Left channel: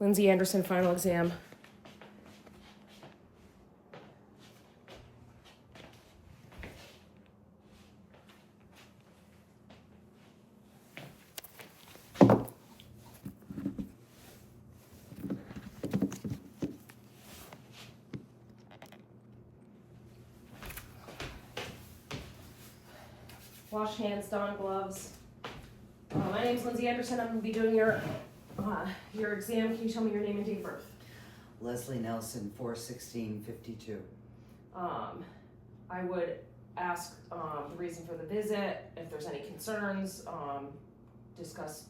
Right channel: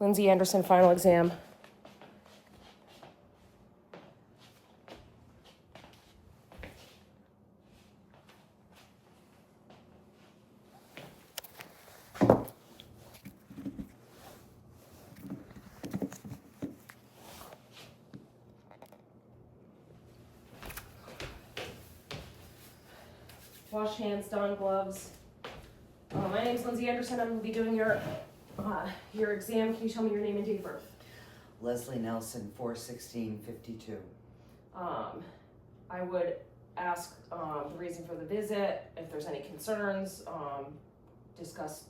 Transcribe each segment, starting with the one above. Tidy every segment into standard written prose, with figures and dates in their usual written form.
Lindsay Anderson, final exam. Wash hands, don gloves. My name's Lindsay Anderson. I'm going to be doing your exam. Can you tell me your name and date of birth? Leslie Nelson, 4/16/52. I would ask the reason for the visit, if there's any concerns, discuss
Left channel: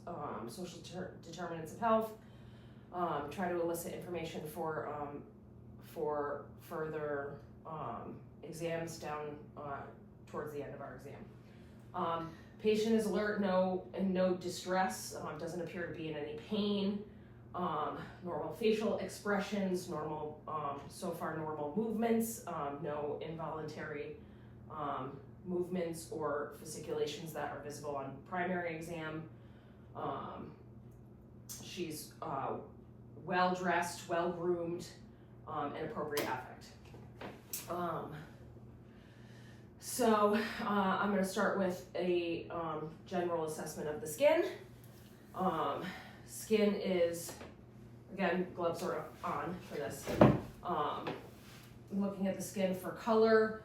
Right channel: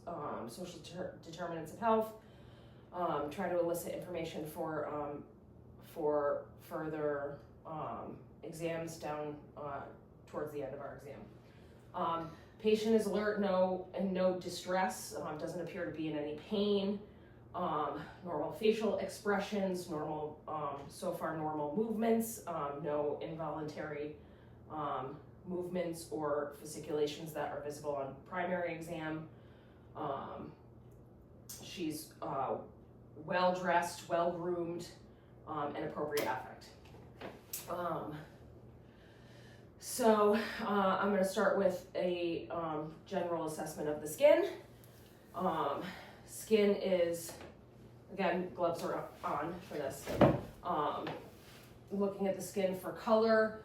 social determinants of health, try to elicit information for further exams down towards the end of our exam. Patient is alert, no distress, doesn't appear to be in any pain, normal facial expressions, normal, so far normal movements, no involuntary movements or fasciculations that are visible on primary exam. She's well dressed, well groomed, and appropriate affect. So I'm going to start with a general assessment of the skin. Skin is, again, gloves are on for this. Looking at the skin for color,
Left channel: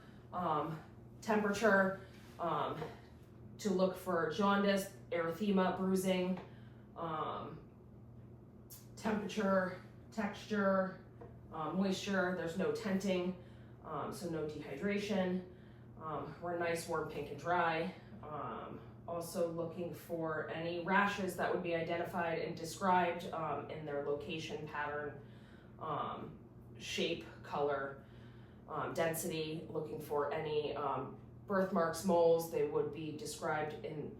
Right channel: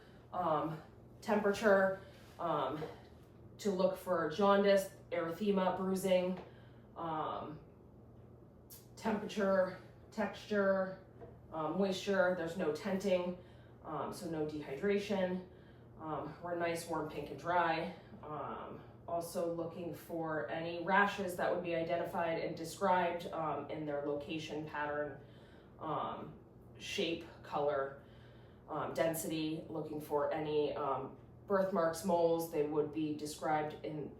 temperature, to look for jaundice, erythema, bruising, temperature, texture, moisture. There's no tenting, so no dehydration. We're nice, warm, pink, and dry. Also looking for any rashes that would be identified and described in their location, pattern, shape, color, density. Looking for any birthmarks, moles. They would be described in,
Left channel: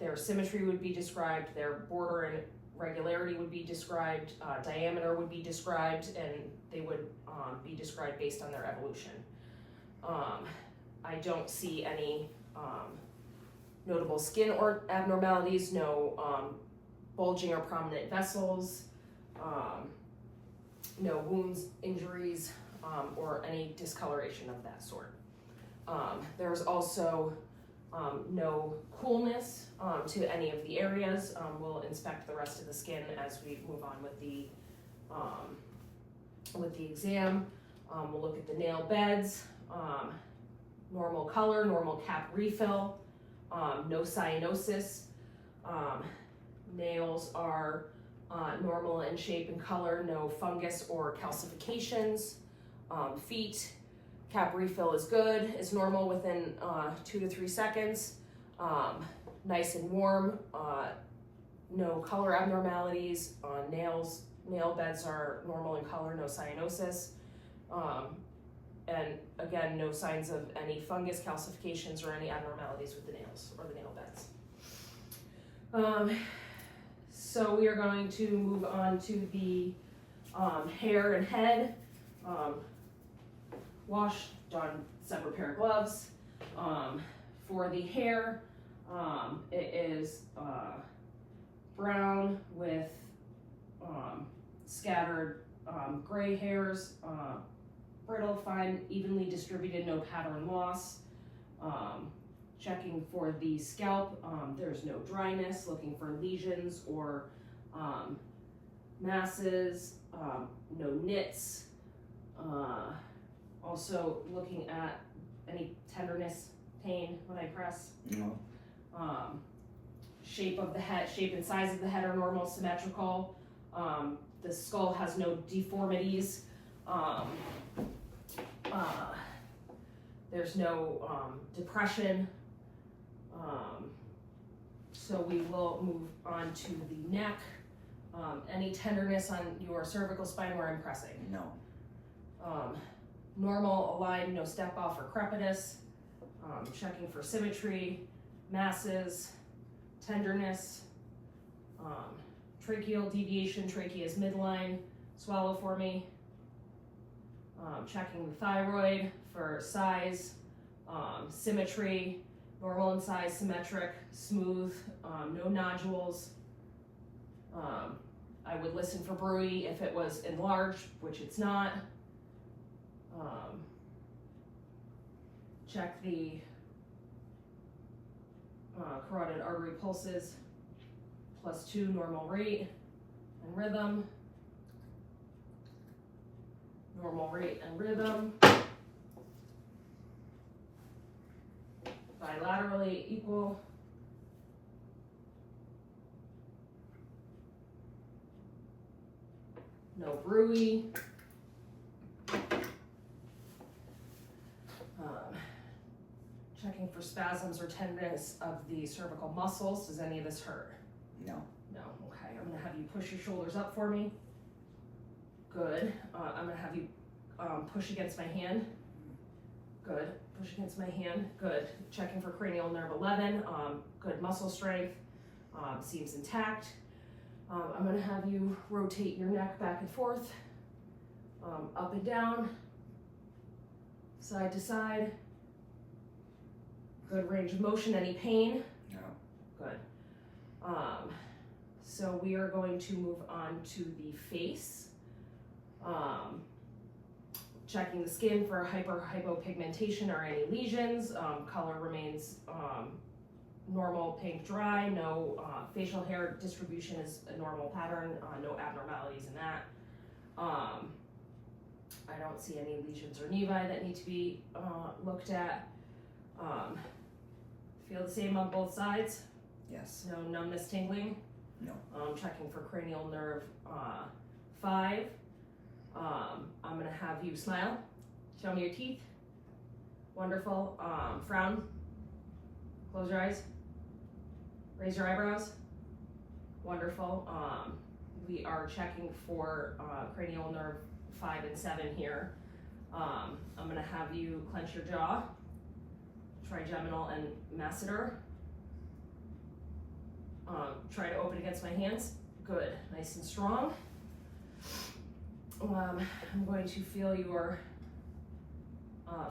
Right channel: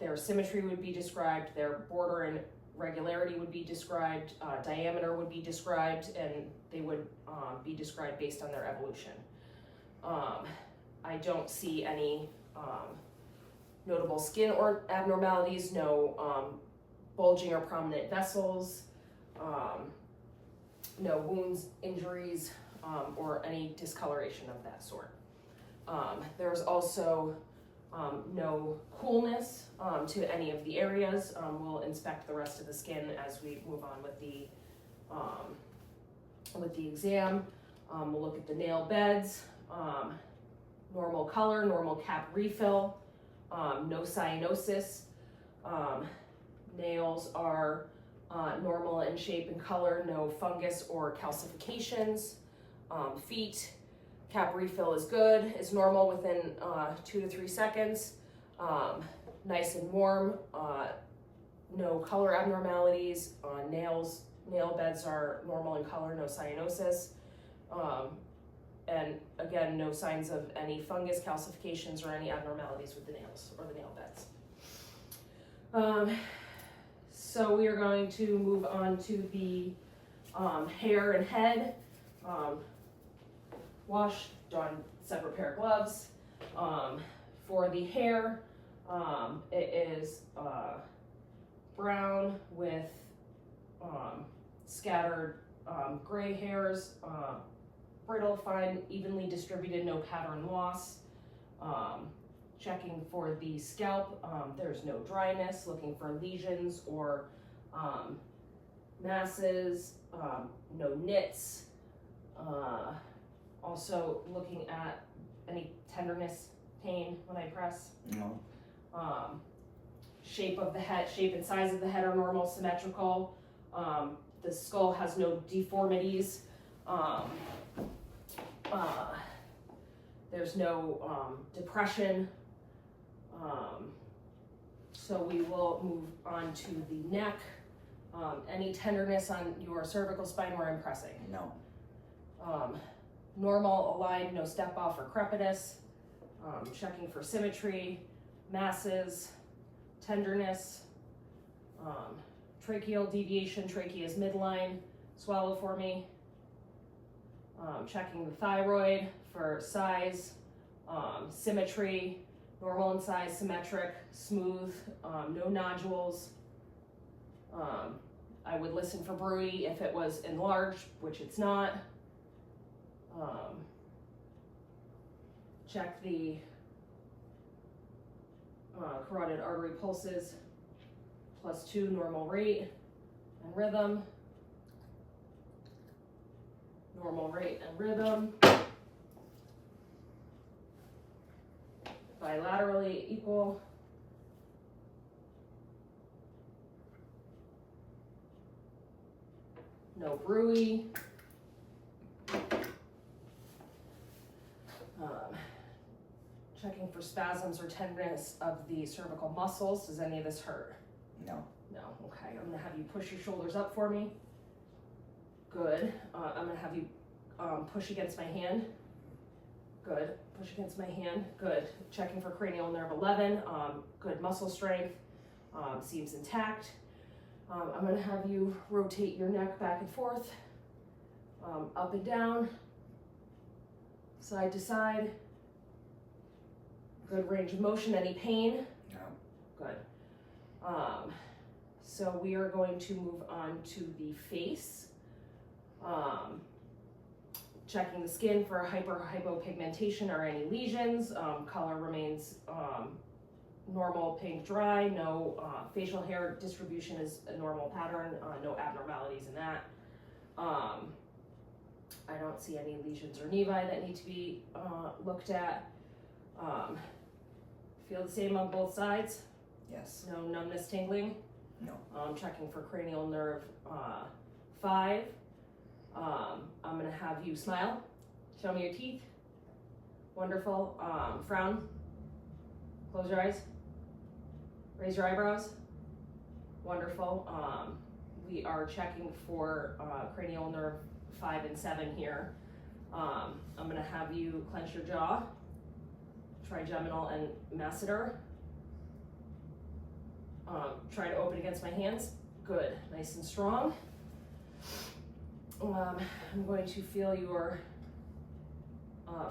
their symmetry would be described, their border and regularity would be described, diameter would be described, and they would be described based on their evolution. I don't see any notable skin or abnormalities, no bulging or prominent vessels, no wounds, injuries, or any discoloration of that sort. There's also no coolness to any of the areas. We'll inspect the rest of the skin as we move on with the exam. We'll look at the nail beds. Normal color, normal cap refill, no cyanosis. Nails are normal in shape and color, no fungus or calcifications. Feet, cap refill is good, is normal within 2 to 3 seconds. Nice and warm, no color abnormalities. Nail beds are normal in color, no cyanosis. And again, no signs of any fungus, calcifications, or any abnormalities with the nails or the nail beds. So we are going to move on to the hair and head. Wash, don separate pair of gloves. For the hair, it is brown with scattered gray hairs, brittle, fine, evenly distributed, no pattern loss. Checking for the scalp, there's no dryness, looking for lesions or masses, no nits. Also looking at any tenderness, pain when I press. No. Shape of the head, shape and size of the head are normal, symmetrical. The skull has no deformities. There's no depression. So we will move on to the neck. Any tenderness on your cervical spine where I'm pressing? No. Normal, aligned, no step off or crepitus. Checking for symmetry, masses, tenderness, tracheal deviation, trachea is midline. Swallow for me. Checking the thyroid for size, symmetry, normal in size, symmetric, smooth, no nodules. I would listen for bruit if it was enlarged, which it's not. Check the carotid artery pulses, +2 normal rate and rhythm. Normal rate and rhythm. Bilaterally equal. No bruit. Checking for spasms or tenderness of the cervical muscles. Does any of this hurt? No. No. Okay. I'm gonna have you push your shoulders up for me. Good. I'm gonna have you push against my hand. Good. Push against my hand. Good. Checking for cranial nerve 11. Good muscle strength. Seems intact. I'm gonna have you rotate your neck back and forth, up and down, side to side. Good range of motion. Any pain? No. Good. So we are going to move on to the face. Checking the skin for hypopigmentation or any lesions. Color remains normal, pink, dry. No facial hair distribution is a normal pattern. No abnormalities in that. I don't see any lesions or nevi that need to be looked at. Feel the same on both sides? Yes. No numbness, tingling? No. Checking for cranial nerve 5. I'm gonna have you smile. Show me your teeth. Wonderful. Frown. Close your eyes. Raise your eyebrows. Wonderful. We are checking for cranial nerve 5 and 7 here. I'm gonna have you clench your jaw. Trigeminal and masseter. Try to open against my hands. Good, nice and strong. I'm going to feel your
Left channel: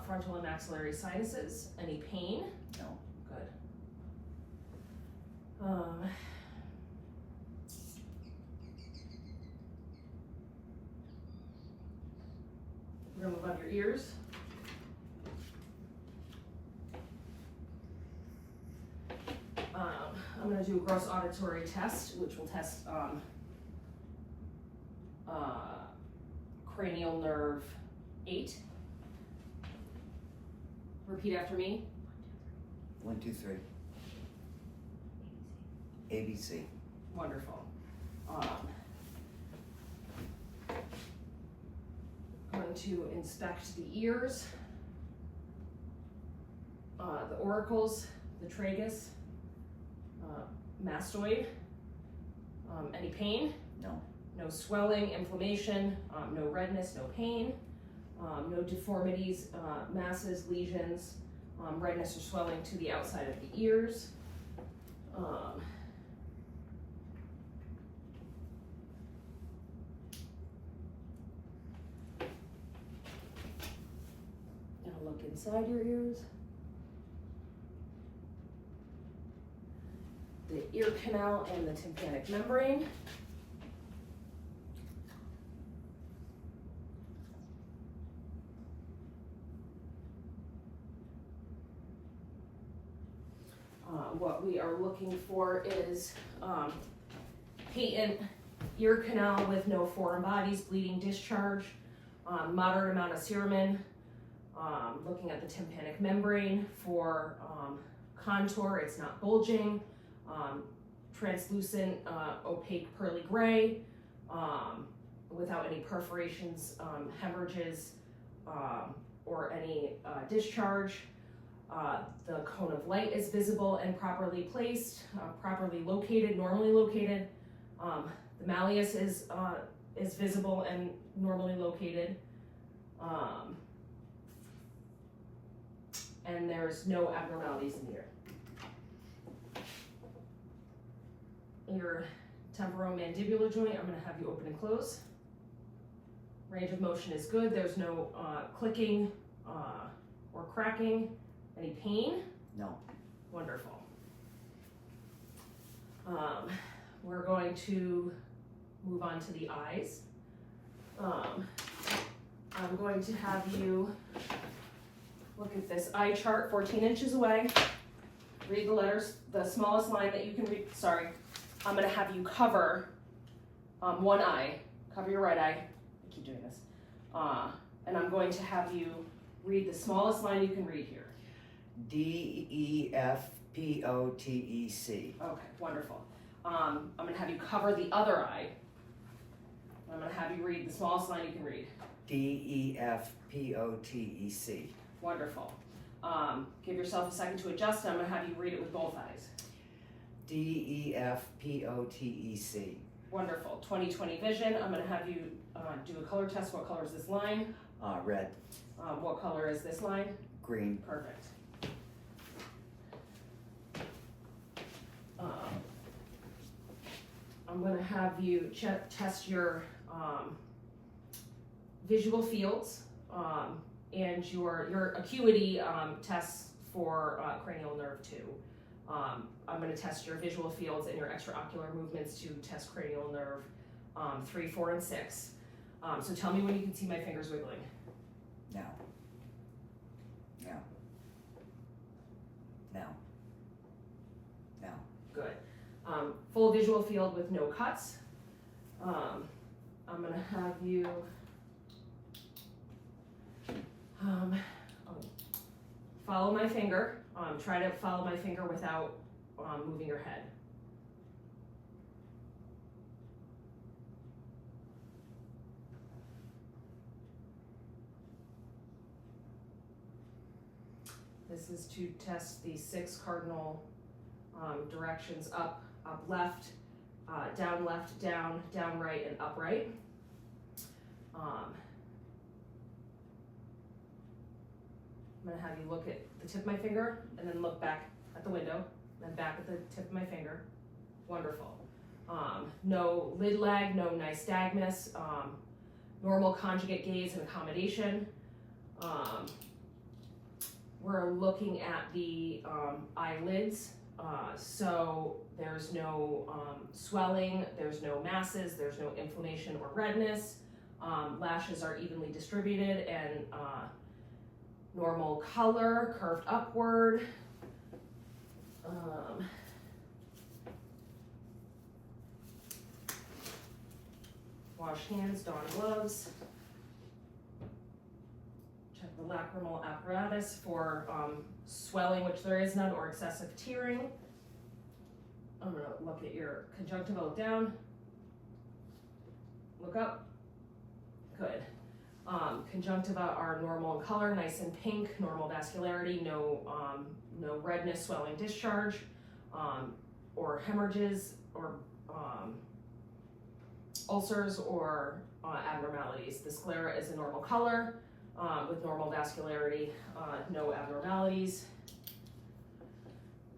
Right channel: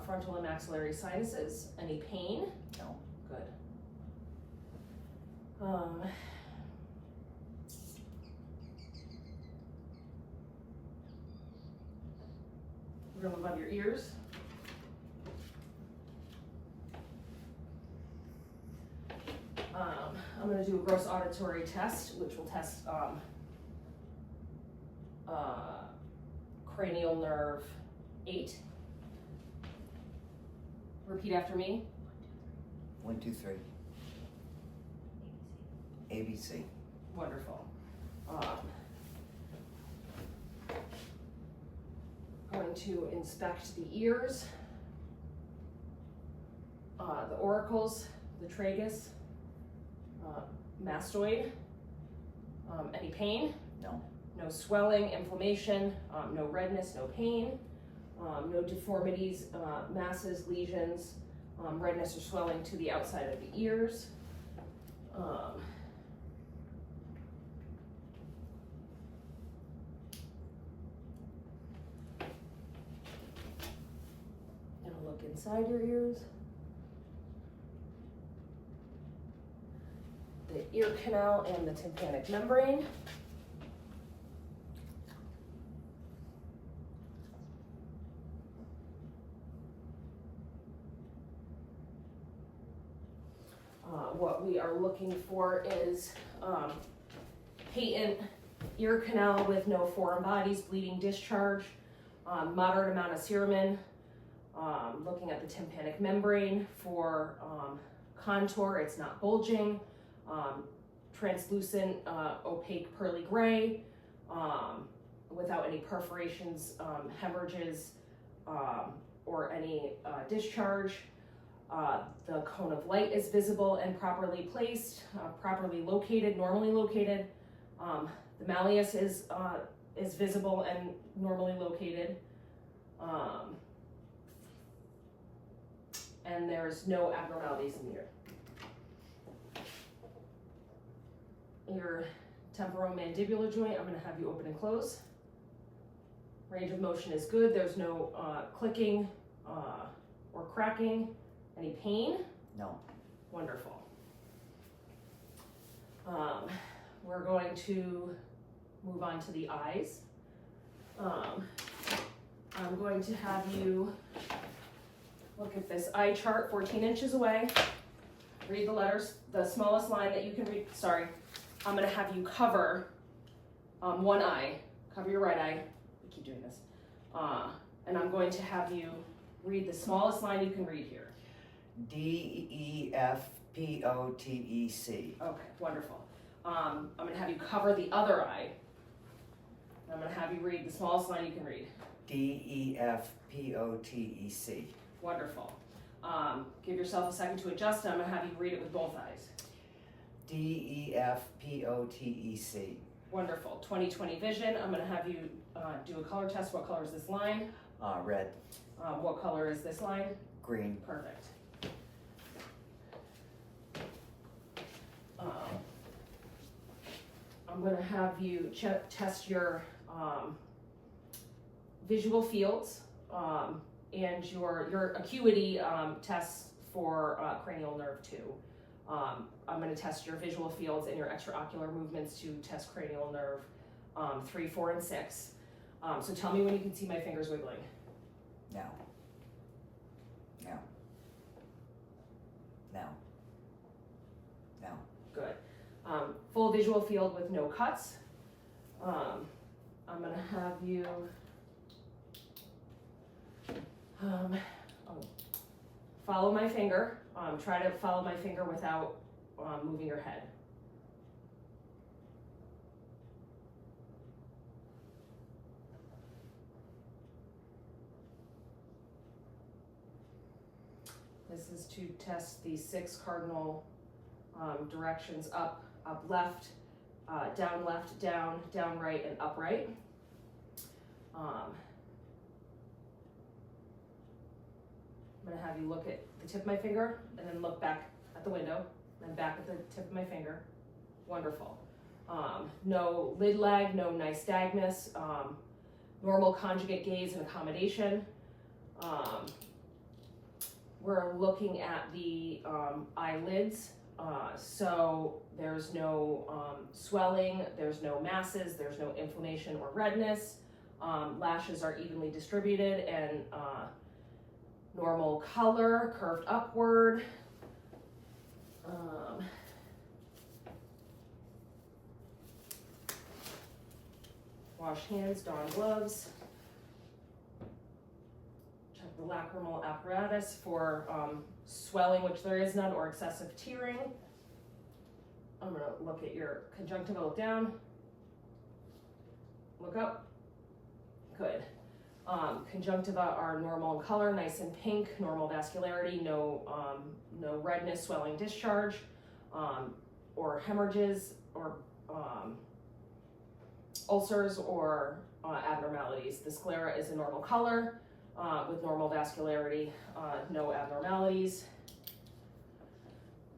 frontal and maxillary sinuses. Any pain? No. Good. We're gonna move up your ears. I'm going to do a gross auditory test, which will test cranial nerve 8. Repeat after me. 1, 2, 3. ABC. Wonderful. Going to inspect the ears, the auricles, the tragus, mastoid. Any pain? No. No swelling, inflammation, no redness, no pain, no deformities, masses, lesions, redness or swelling to the outside of the ears. Gonna look inside your ears. The ear canal and the tympanic membrane. What we are looking for is patent ear canal with no foreign bodies, bleeding discharge, moderate amount of cerumen. Looking at the tympanic membrane for contour, it's not bulging. Translucent, opaque, pearly gray, without any perforations, hemorrhages, or any discharge. The cone of light is visible and properly placed, properly located, normally located. The malleus is visible and normally located. And there's no abnormalities in the ear. Your temporomandibular joint, I'm going to have you open and close. Range of motion is good. There's no clicking or cracking. Any pain? No. Wonderful. We're going to move move on to the eyes. I'm going to have you look at this eye chart 14 inches away. Read the letters, the smallest line that you can read. Sorry, I'm gonna have you cover one eye. Cover your right eye. I keep doing this. And I'm going to have you read the smallest line you can read here. DEFPOTEC. Okay, wonderful. I'm gonna have you cover the other eye. I'm gonna have you read the smallest line you can read. DEFPOTEC. Wonderful. Give yourself a second to adjust. I'm gonna have you read it with both eyes. DEFPOTEC. Wonderful. 20/20 vision. I'm gonna have you do a color test. What color is this line? Red. What color is this line? Green. Perfect. I'm gonna have you test your visual fields and your acuity tests for cranial nerve 2. I'm going to test your visual fields and your extraocular movements to test cranial nerve 3, 4, and 6. So tell me when you can see my fingers wiggling. Now. Now. Now. Now. Good. Full visual field with no cuts. I'm going to have you follow my finger. Try to follow my finger without moving your head. This is to test the 6 cardinal directions: up, up, left, down, right, and upright. I'm gonna have you look at the tip of my finger and then look back at the window, then back at the tip of my finger. Wonderful. No lid lag, no nystagmus, normal conjugate gaze and accommodation. We're looking at the eyelids, so there's no swelling, there's no masses, there's no inflammation or redness. Lashes are evenly distributed and normal color, curved upward. Wash hands, don gloves. Check the lacrimal apparatus for swelling, which there is none, or excessive tearing. I'm gonna look at your conjunctiva, look down, look up, good. Conjunctiva are normal in color, nice and pink, normal vascularity, no redness, swelling, discharge, or hemorrhages, or ulcers, or abnormalities. The sclera is a normal color with normal vascularity, no abnormalities.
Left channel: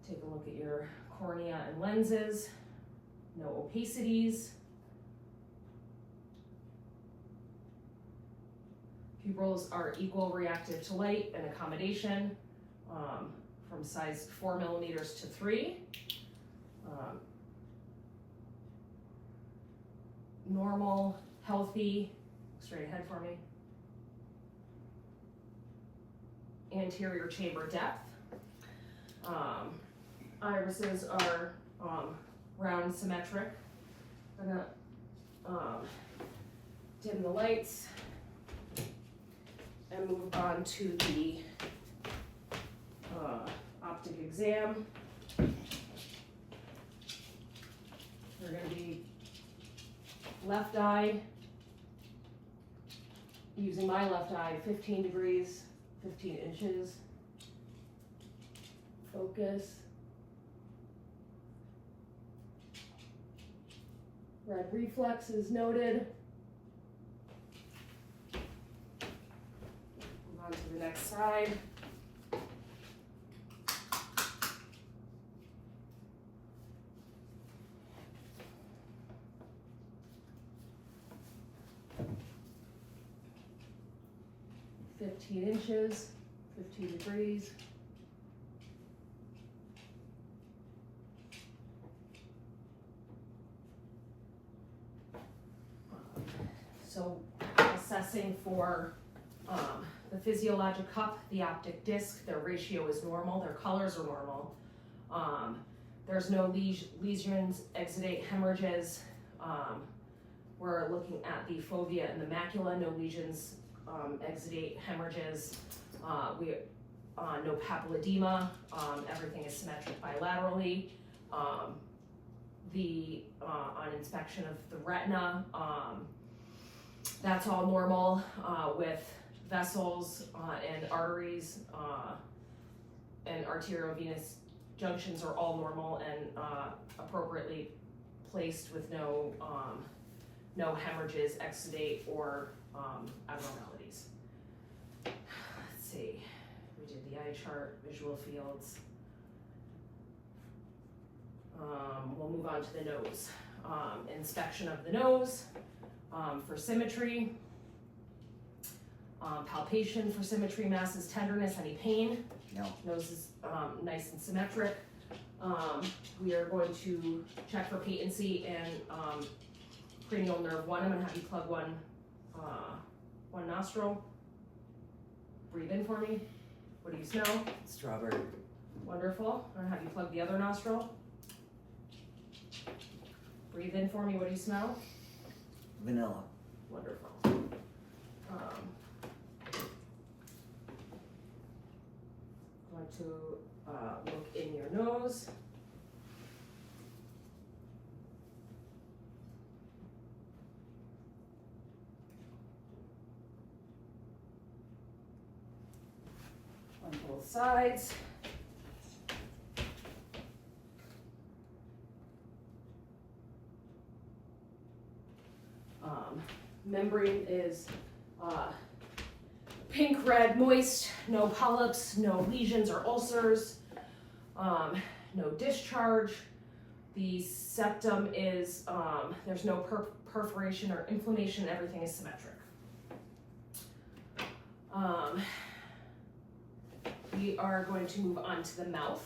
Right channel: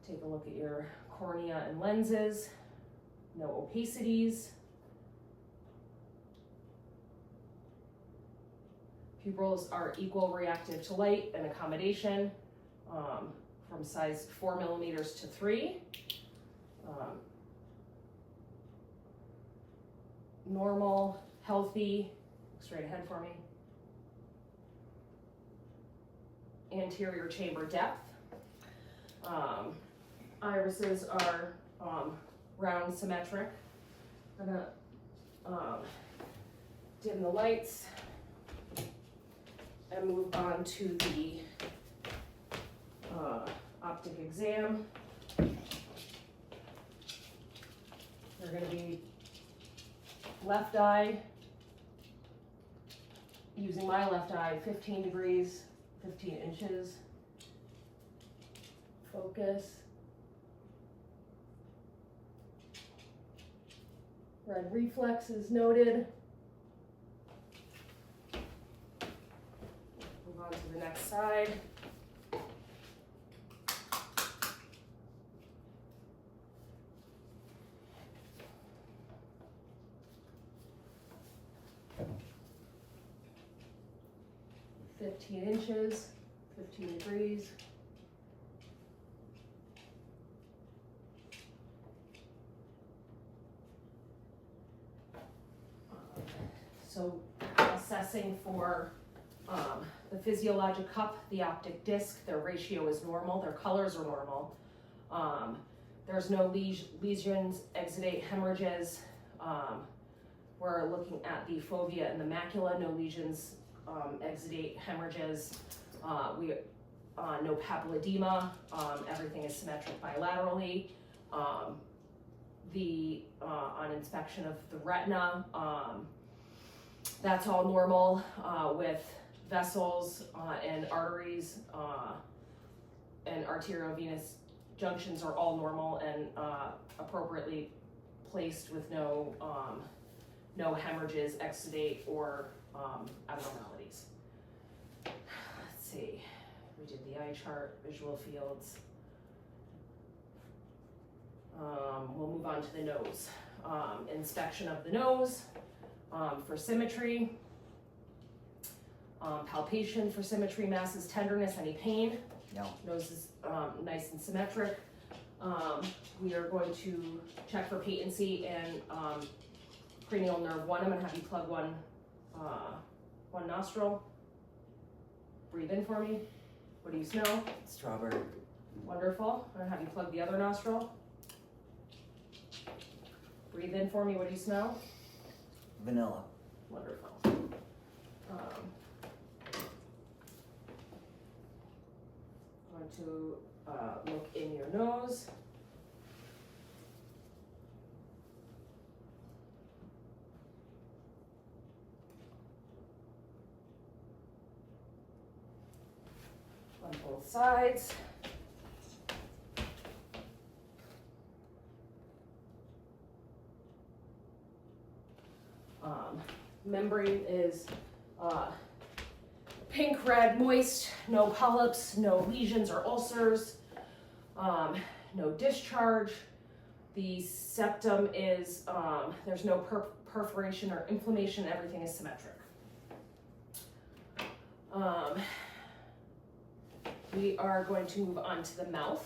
Take a look at your cornea and lenses, no opacities. Pupils are equal reactive to light and accommodation from size 4 millimeters to 3. Normal, healthy, straight ahead for me. Anterior chamber depth. Irises are round, symmetric. I'm gonna dim the lights and move on to the optic exam. We're going to be left eye, using my left eye, 15 degrees, 15 inches. Focus. Red reflex is noted. Move on to the next side. $15 inches, 15 degrees. So assessing for the physiologic cup, the optic disc, their ratio is normal, their colors are normal. There's no lesions, exudate, hemorrhages. We're looking at the fovea and the macula, no lesions, exudate, hemorrhages. No papilledema, everything is symmetric bilaterally. On inspection of the retina, that's all normal with vessels and arteries and arteriovenous junctions are all normal and appropriately placed with no hemorrhages, exudate, or abnormalities. Let's see, we did the eye chart, visual fields. We'll move on to the nose. Inspection of the nose for symmetry. Palpation for symmetry, masses, tenderness, any pain. No. Nose is nice and symmetric. We are going to check for patency and cranial nerve 1. I'm going to have you plug one nostril. Breathe in for me. What do you smell? Strawberry. Wonderful. I'm going to have you plug the other nostril. Breathe in for me. What do you smell? Vanilla. Wonderful. Going to look in your nose. On both sides. Membrane is pink, red, moist, no polyps, no lesions or ulcers, no discharge. The septum is, there's no perforation or inflammation, everything is symmetric. We are going to move on to the mouth.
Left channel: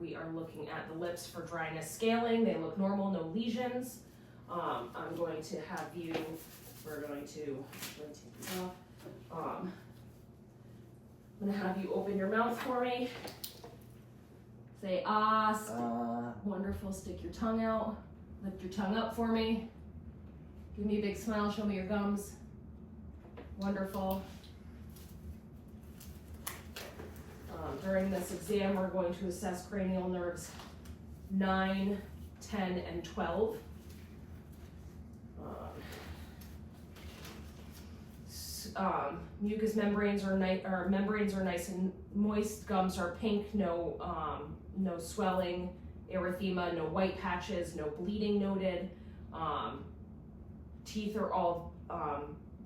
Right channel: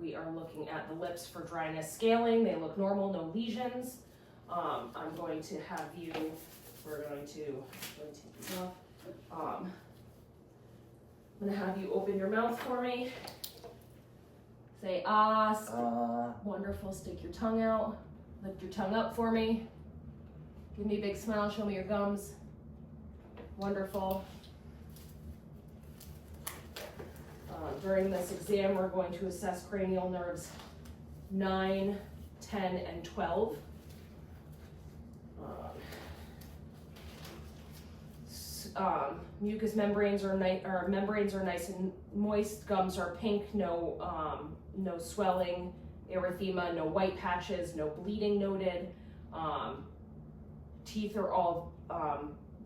We are looking at the lips for dryness, scaling. They look normal, no lesions. I'm going to have you, we're going to take these off. I'm going to have you open your mouth for me. Say ah. Wonderful. Stick your tongue out. Lift your tongue up for me. Give me a big smile. Show me your gums. Wonderful. During this exam, we're going to assess cranial nerves 9, 10, and 12. Mucous membranes are nice and moist. Gums are pink. No swelling, erythema, no white patches, no bleeding noted. Teeth are all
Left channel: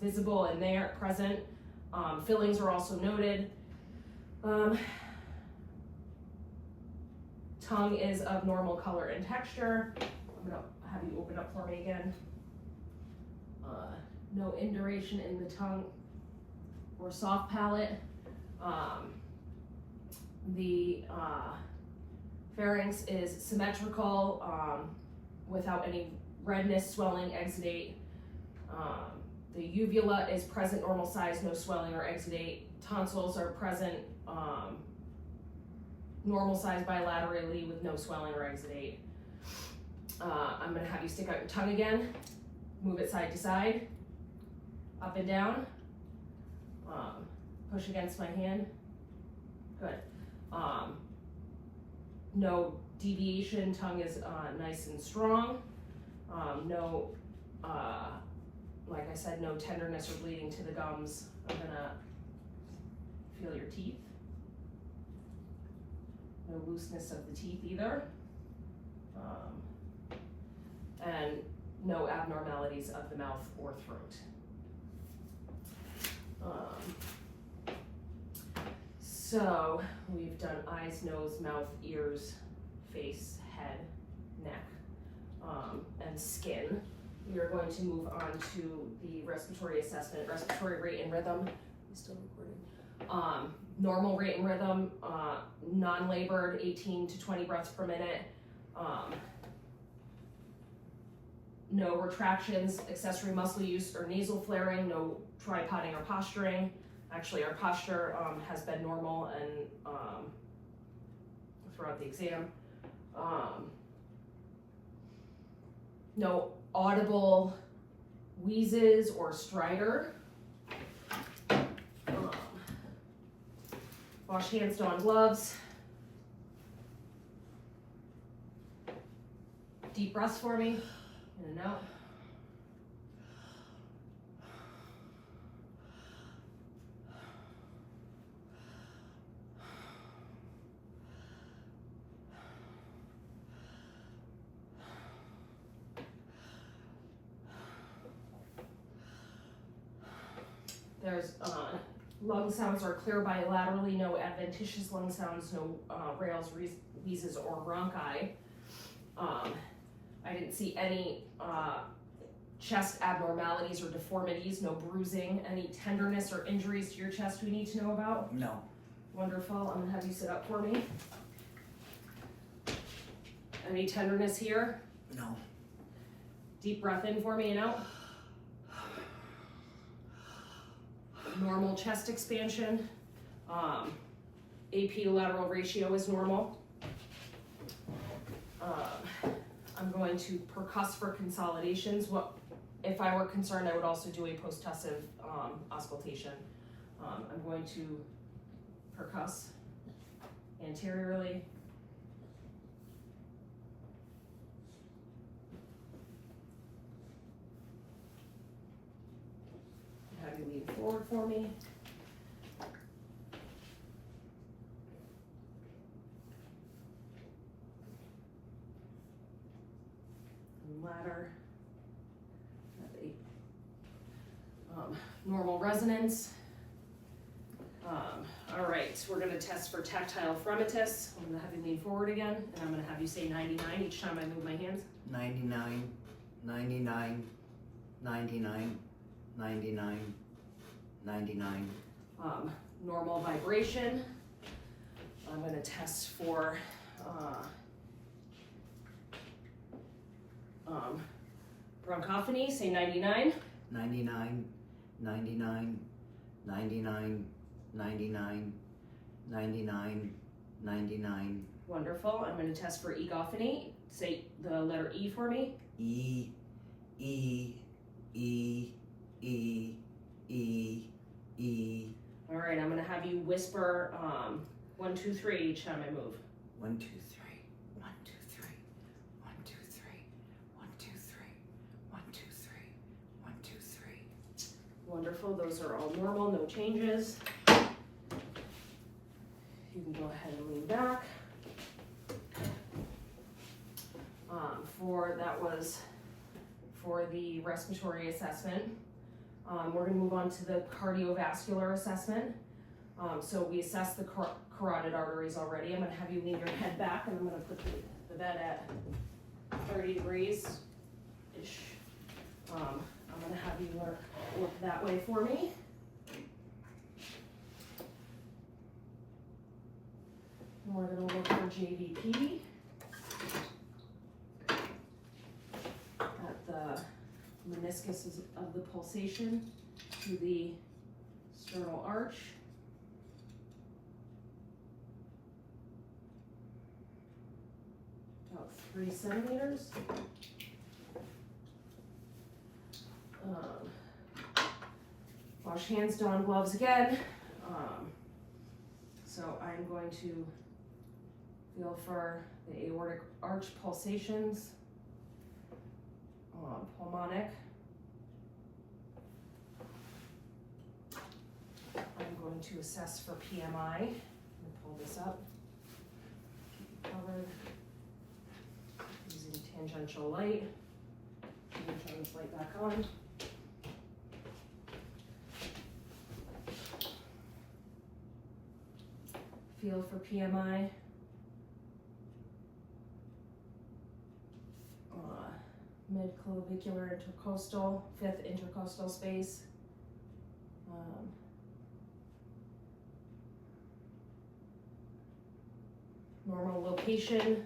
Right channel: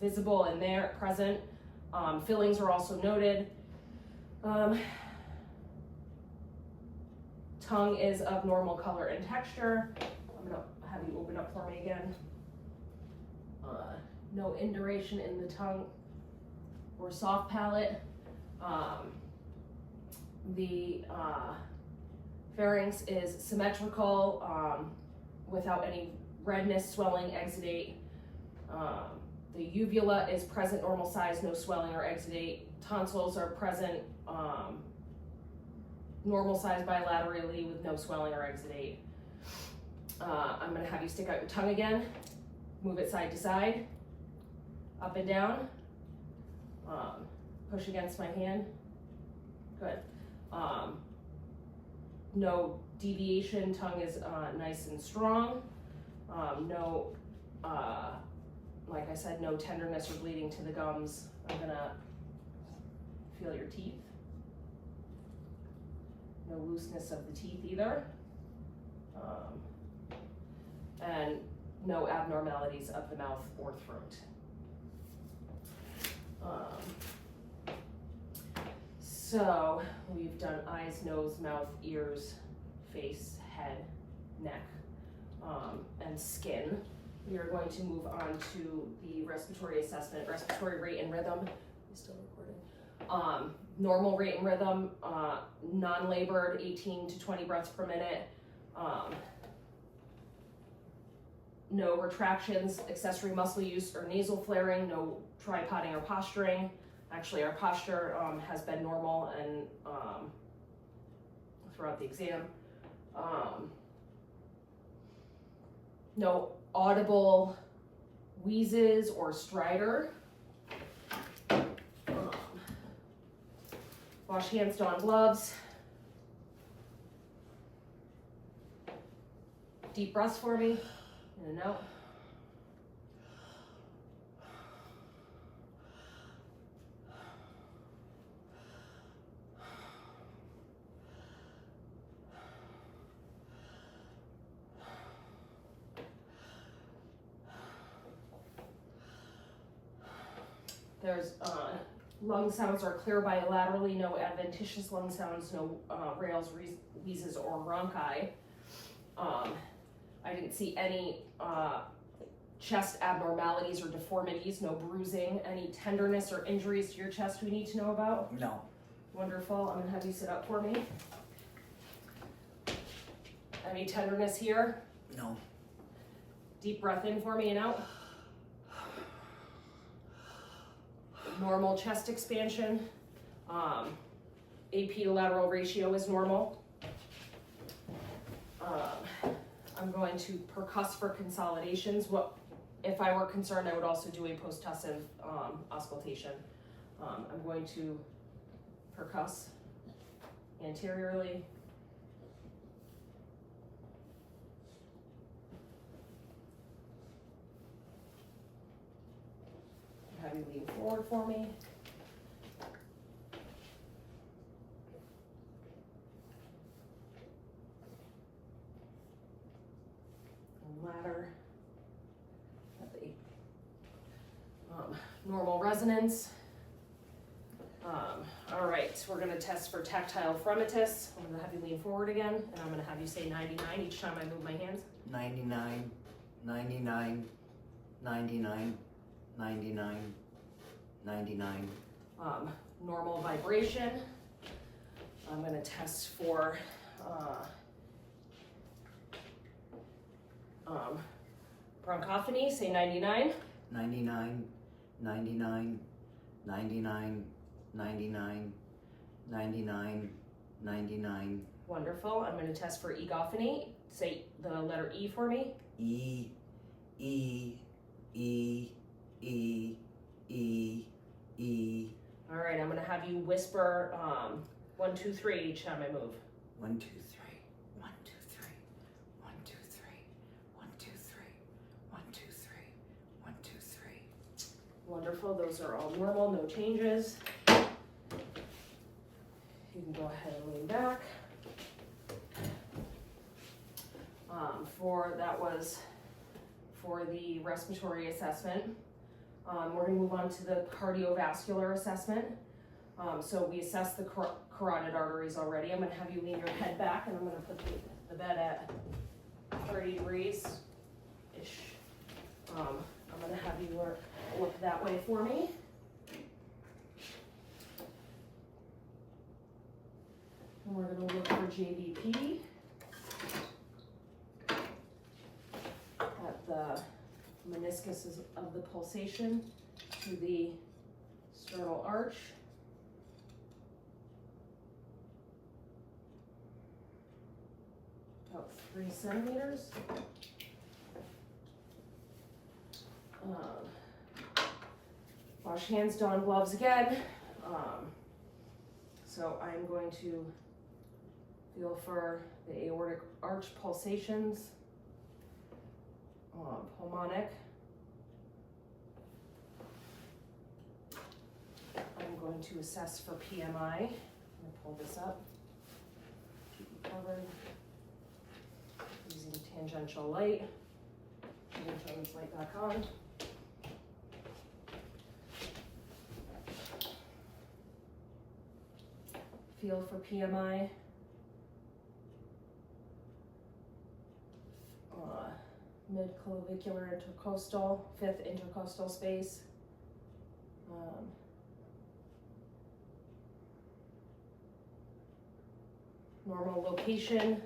visible and there present. Fillings are also noted. Tongue is of normal color and texture. I'm gonna have you open up for me again. No induration in the tongue or soft palate. The pharynx is symmetrical without any redness, swelling, exudate. The uvula is present, normal size, no swelling or exudate. Tonsils are present, normal size bilaterally with no swelling or exudate. I'm gonna have you stick out your tongue again, move it side to side, up and down, push against my hand, good. No deviation, tongue is nice and strong, no, like I said, no tenderness or bleeding to the gums. I'm gonna feel your teeth. No looseness of the teeth either. And no abnormalities of the mouth or throat. So we've done eyes, nose, mouth, ears, face, head, neck, and skin. We are going to move on to the respiratory assessment, respiratory rate and rhythm. You still recording? Normal rate and rhythm, non-labored, 18 to 20 breaths per minute. no retractions, accessory muscle use, or nasal flaring, no tripoding or posturing. Actually, our posture has been normal and throughout the exam. No audible wheezes or stridor. Wash hands, don gloves. Deep breaths for me, in and out. There's lung sounds are clear bilaterally, no adventitious lung sounds, no rales, wheezes, or bronchi. I didn't see any chest abnormalities or deformities, no bruising, any tenderness or injuries to your chest we need to know about? No. Wonderful. I'm gonna have you sit up for me. Any tenderness here? No. Deep breath in for me and out. Normal chest expansion. AP to lateral ratio is normal. I'm going to percuss for consolidations. If I were concerned, I would also do a post-tussive auscultation. I'm going to percuss anteriorly. Have you lean forward for me. Ladder. Normal resonance. All right, so we're gonna test for tactile phrenitis. I'm gonna have you lean forward again, and I'm gonna have you say 99 each time I move my hands. 99, 99, 99, 99, 99. Normal vibration. I'm gonna test for bronchophony, say 99. 99, 99, 99, 99, 99, 99. Wonderful. I'm gonna test for egophony. Say the letter E for me. E, E, E, E, E, E. All right, I'm gonna have you whisper 1, 2, 3 each time I move. 1, 2, 3. 1, 2, 3. 1, 2, 3. 1, 2, 3. 1, 2, 3. 1, 2, 3. Wonderful. Those are all normal, no changes. You can go ahead and lean back. That was for the respiratory assessment. We're gonna move on to the cardiovascular assessment. So we assessed the carotid arteries already. I'm gonna have you lean your head back, and I'm gonna put the bed at 30 degrees-ish. I'm gonna have you look that way for me. And we're gonna look for JVP at the meniscus of the pulsation to the sternal arch. About 3 centimeters. Wash hands, don gloves again. So I'm going to feel for the aortic arch pulsations, pulmonic. I'm going to assess for PMI. I'm going to pull this up, keep it covered, using tangential light. I'm going to turn this light back on. Feel for PMI. Mid-clavicular intercostal, 5th intercostal space. Normal location,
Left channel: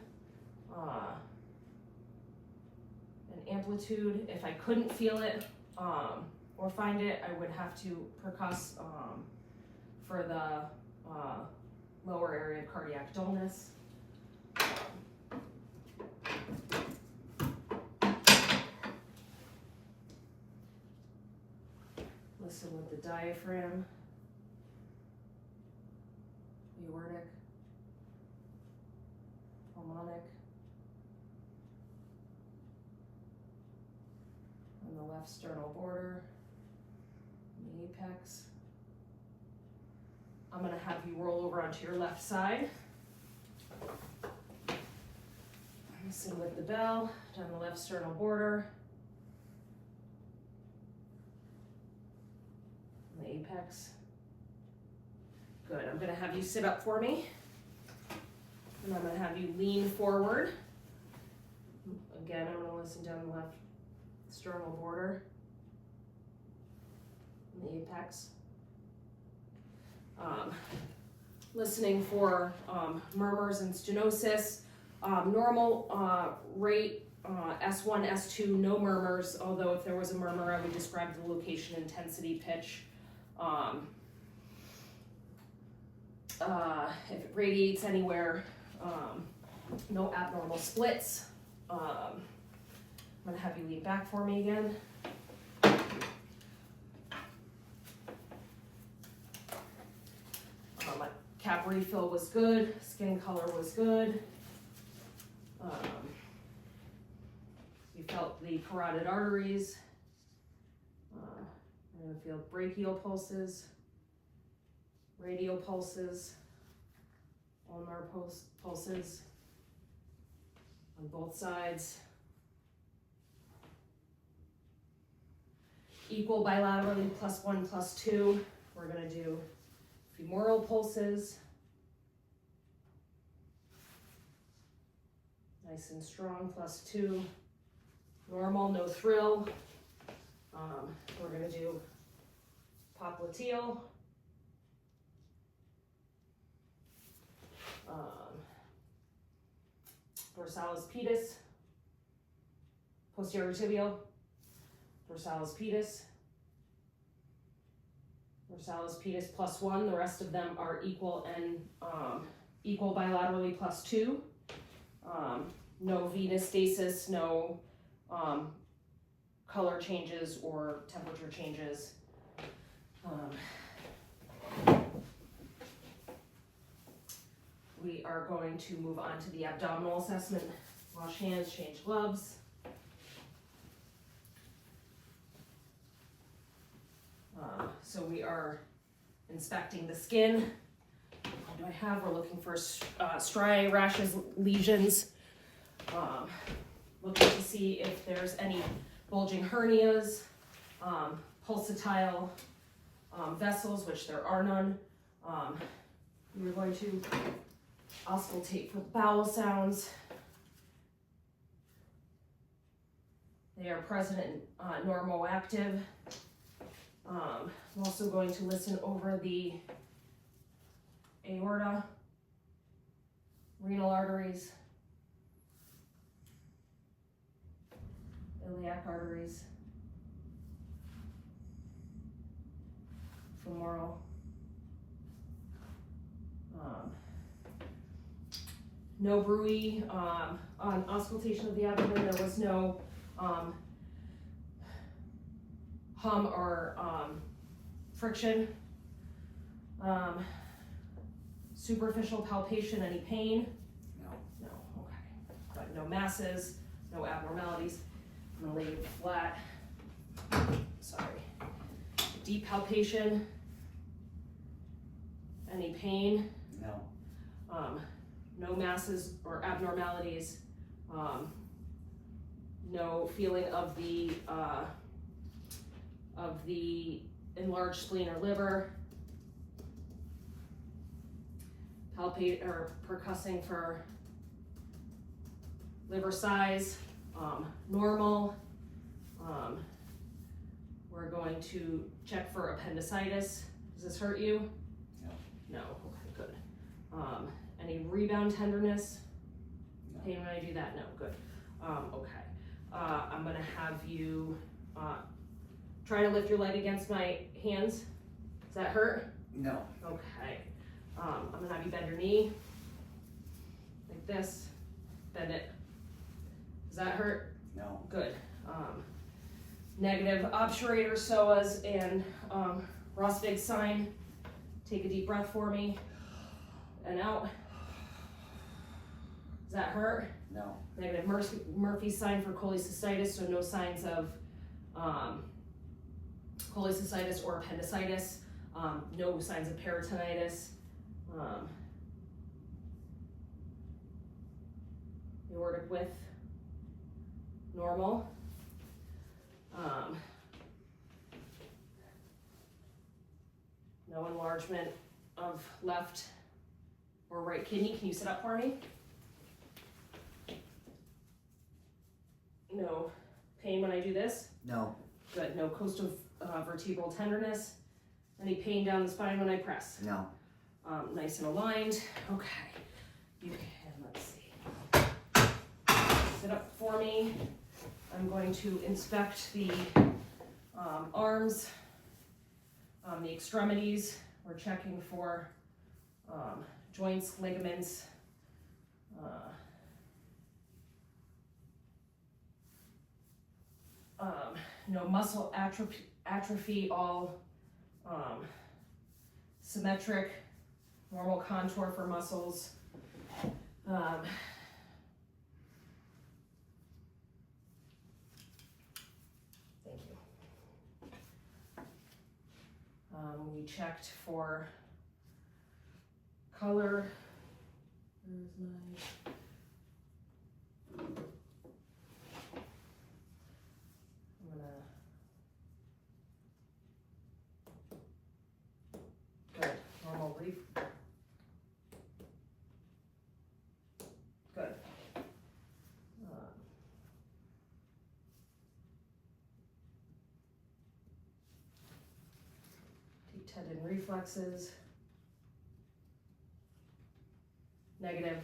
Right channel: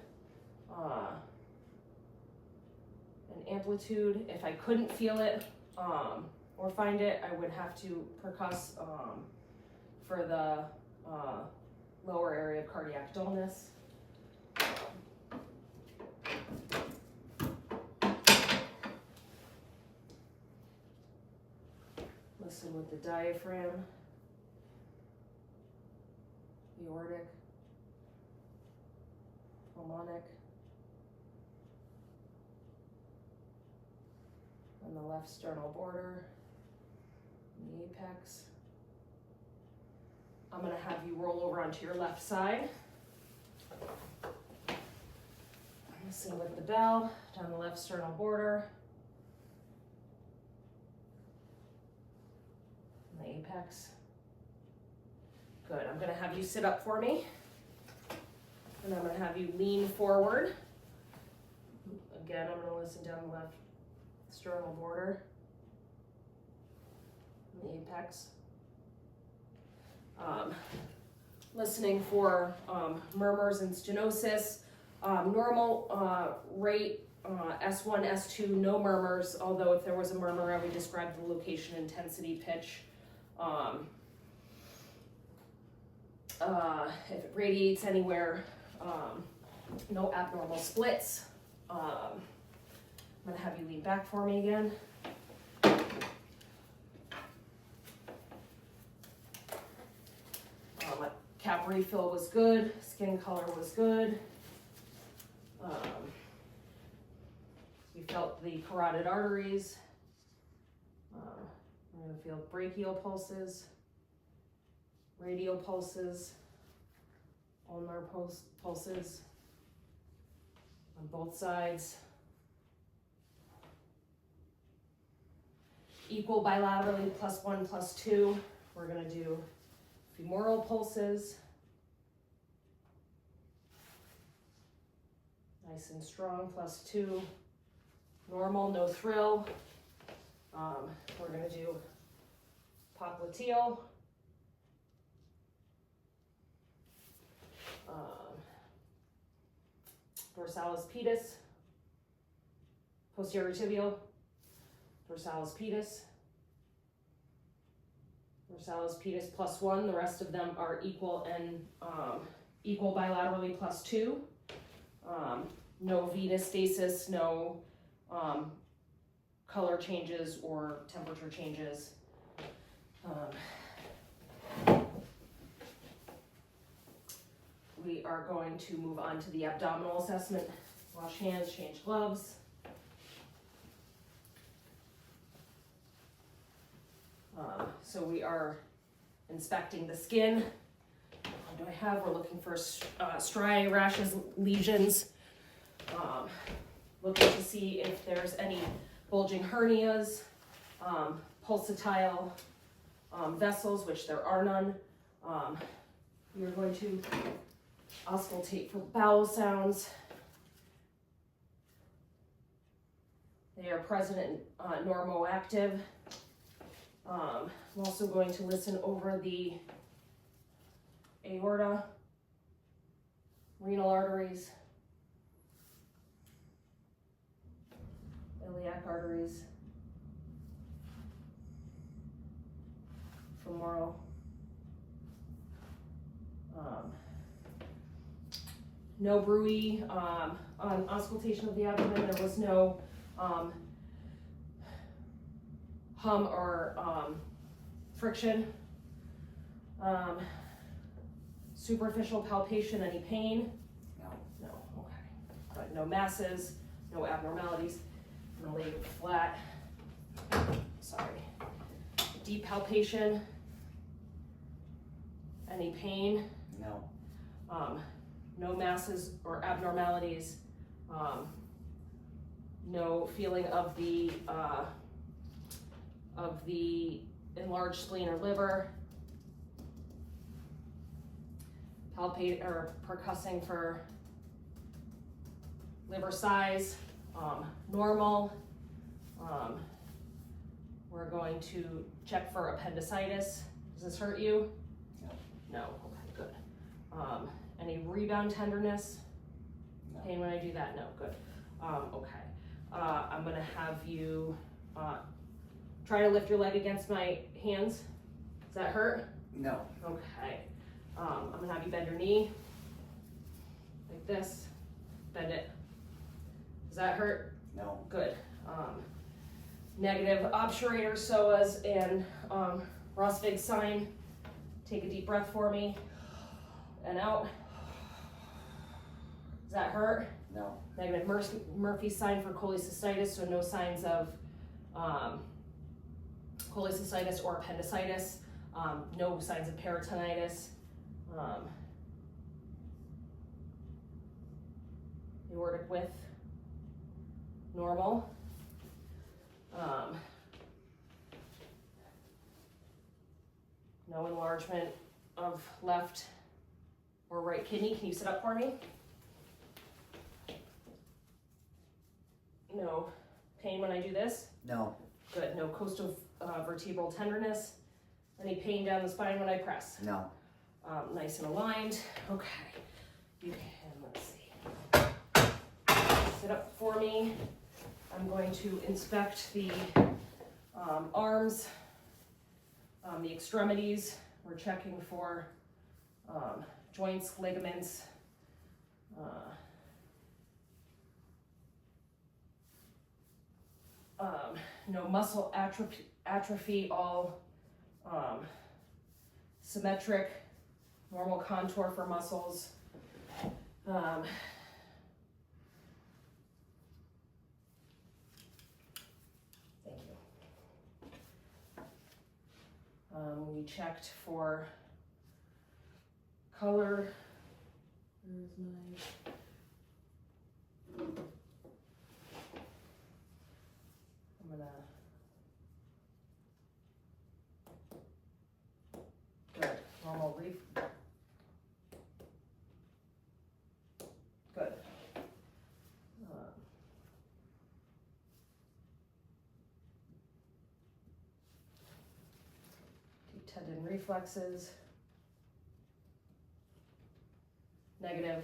an amplitude. If I couldn't feel it or find it, I would have to percuss for the lower area of cardiac dullness. Listen with the diaphragm, aortic, pulmonic, and the left sternal border, and the apex. I'm going to have you roll over onto your left side. Listen with the bell, down the left sternal border, and the apex. Good, I'm going to have you sit up for me. And I'm going to have you lean forward. Again, I'm going to listen down the left sternal border, and the apex. Listening for murmurs and stenosis. Normal rate, S1, S2, no murmurs, although if there was a murmur, I would describe the location, intensity, pitch. If it radiates anywhere, no abnormal splits. I'm gonna have you lean back for me again. Cap refill was good, skin color was good. You felt the carotid arteries. I'm gonna feel brachial pulses, radial pulses, ulnar pulses on both sides. Equal bilaterally, +1, +2. We're gonna do femoral pulses. Nice and strong, +2. Normal, no thrill. We're gonna do popliteal. Dorsalis pedis. Posterior tibial. Dorsalis pedis. Dorsalis pedis +1. The rest of them are equal and equal bilaterally +2. No venous stasis, no color changes or temperature changes. We are going to move on to the abdominal assessment. Wash hands, change gloves. So we are inspecting the skin. What do I have? We're looking for striae, rashes, lesions. Looking to see if there's any bulging hernias, pulsatile vessels, which there are none. We're going to auscultate for bowel sounds. They are present and normoactive. I'm also going to listen over the aorta, renal arteries, iliac arteries, femoral. No bruit on auscultation of the abdomen. There was no hum or friction. Superficial palpation, any pain? No. No, okay. But no masses, no abnormalities. I'm gonna lay you flat. Sorry. Deep palpation. Any pain? No. No masses or abnormalities. No feeling of the enlarged spleen or liver. Palpate or percussing for liver size, normal. We're going to check for appendicitis. Does this hurt you? No. No, okay, good. Any rebound tenderness? No. Pain when I do that? No, good. Okay. I'm gonna have you try to lift your leg against my hands. Does that hurt? No. Okay. I'm gonna have you bend your knee like this. Bend it. Does that hurt? No. Good. Negative obturator psoas and Rosvig sign. Take a deep breath for me. And out. Does that hurt? No. Negative Murphy sign for cholecystitis, so no signs of cholecystitis or appendicitis. No signs of peritonitis. Aortic width, normal. No enlargement of left or right kidney. Can you sit up for me? No pain when I do this? No. Good. No coastal vertebral tenderness. Any pain down the spine when I press? No. Nice and aligned. Okay. You can, let's see. Sit up for me. I'm going to inspect the arms, the extremities. We're checking for joints, ligaments, no muscle atrophy, all symmetric, normal contour for muscles. Thank you. We checked for color. Where's my... I'm gonna... Good. Normal reef. Good. Deep tendon reflexes. Negative.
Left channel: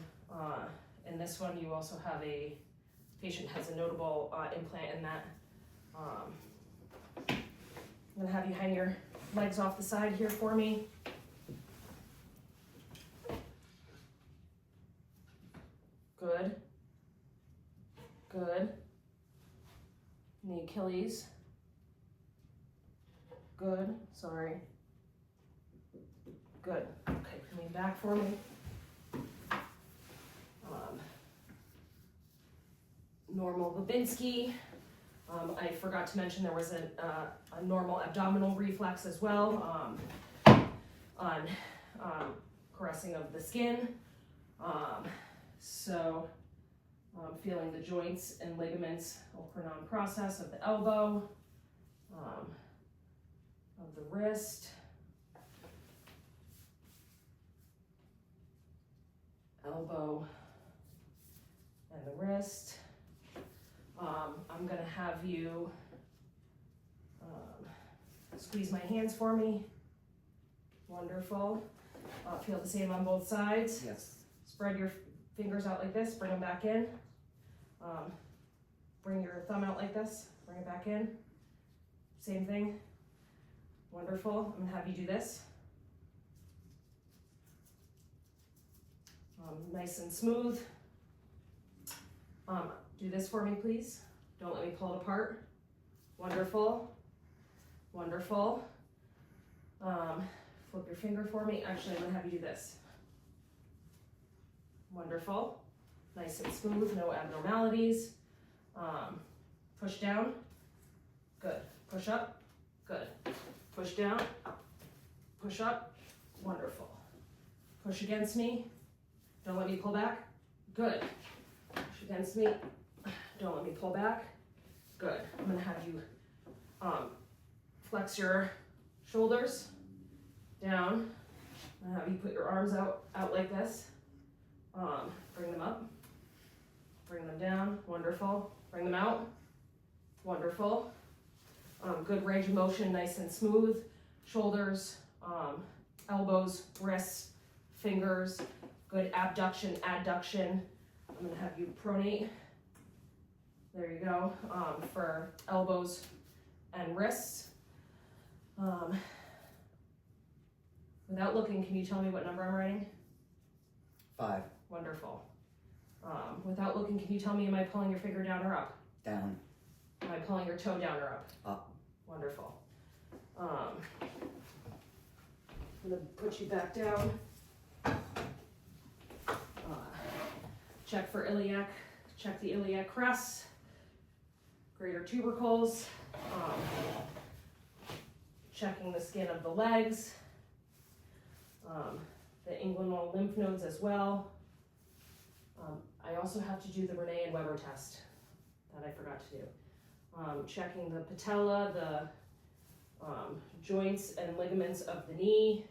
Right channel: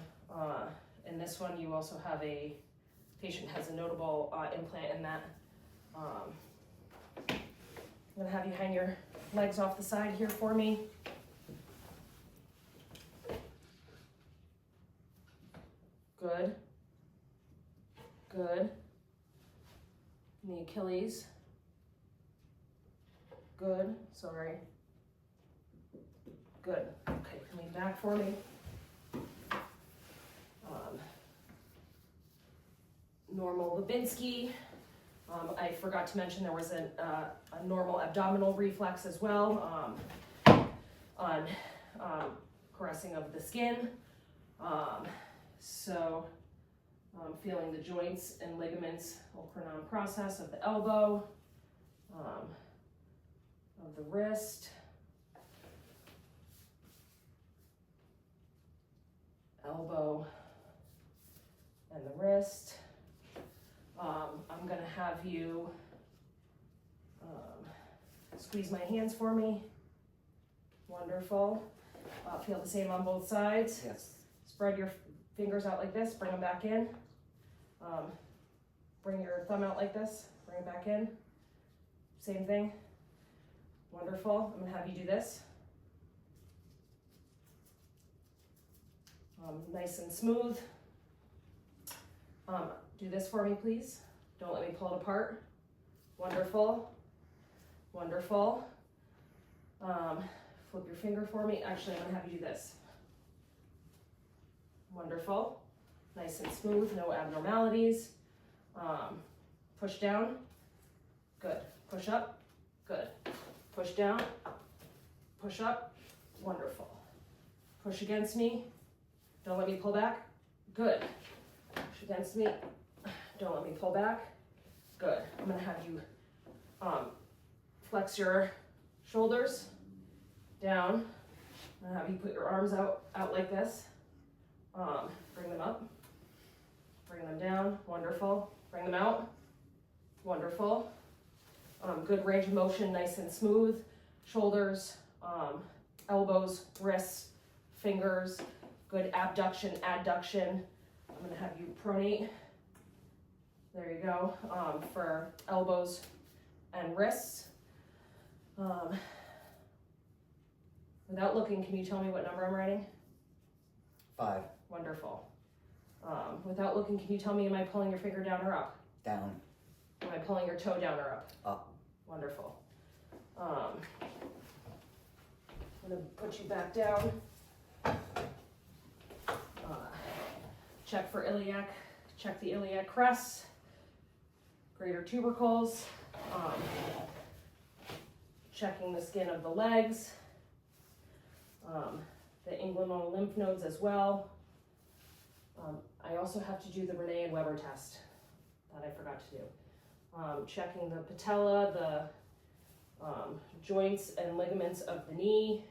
In this one, you also have a patient has a notable implant in that. I'm gonna have you hang your legs off the side here for me. Good. Good. And the Achilles. Good. Sorry. Good. Okay, lean back for me. Normal Babinski. I forgot to mention there was a normal abdominal reflex as well on caressing of the skin. So feeling the joints and ligaments, Okeranon process of the elbow, of the wrist, elbow and the wrist. I'm gonna have you squeeze my hands for me. Wonderful. Feel the same on both sides. Yes. Spread your fingers out like this, bring them back in. Bring your thumb out like this, bring it back in. Same thing. Wonderful. I'm gonna have you do this. Nice and smooth. Do this for me, please. Don't let me pull it apart. Wonderful. Wonderful. Flip your finger for me. Actually, I'm gonna have you do this. Wonderful. Nice and smooth, no abnormalities. Push down. Good. Push up. Good. Push down. Push up. Wonderful. Push against me. Don't let me pull back. Good. Push against me. Don't let me pull back. Good. I'm gonna have you flex your shoulders down. I'm gonna have you put your arms out like this. Bring them up. Bring them down. Wonderful. Bring them out. Wonderful. Good range of motion, nice and smooth. Shoulders, elbows, wrists, fingers. Good abduction, adduction. I'm gonna have you pronate. There you go, for elbows and wrists. Without looking, can you tell me what number I'm writing? 5. Wonderful. Without looking, can you tell me, am I pulling your finger down or up? Down. Am I pulling your toe down or up? Up. Wonderful. I'm gonna put you back down. Check for iliac, check the iliac crest, greater tubercles, checking the skin of the legs, the inguinal lymph nodes as well. I also have to do the Renee and Weber test that I forgot to do. Checking the patella, the joints and ligaments of the knee.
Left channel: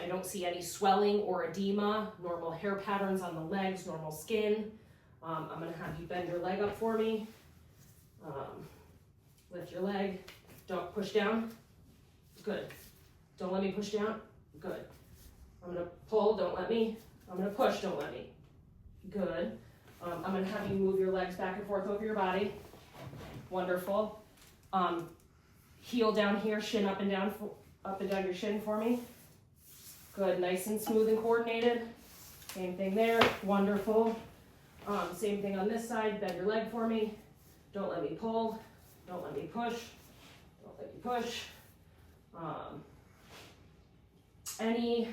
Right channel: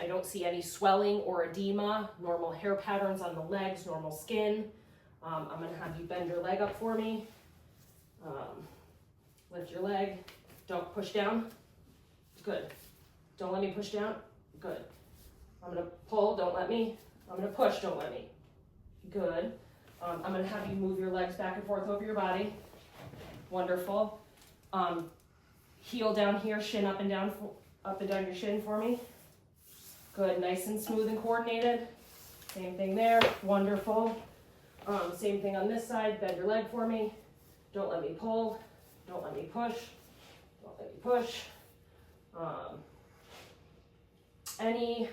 I don't see any swelling or edema, normal hair patterns on the legs, normal skin. I'm gonna have you bend your leg up for me. Lift your leg, don't push down. Good. Don't let me push down. Good. I'm gonna pull, don't let me. I'm gonna push, don't let me. Good. I'm gonna have you move your legs back and forth over your body. Wonderful. Heel down here, shin up and down your shin for me. Good, nice and smooth and coordinated. Same thing there, wonderful. Same thing on this side, bend your leg for me. Don't let me pull, don't let me push, don't let me push. Any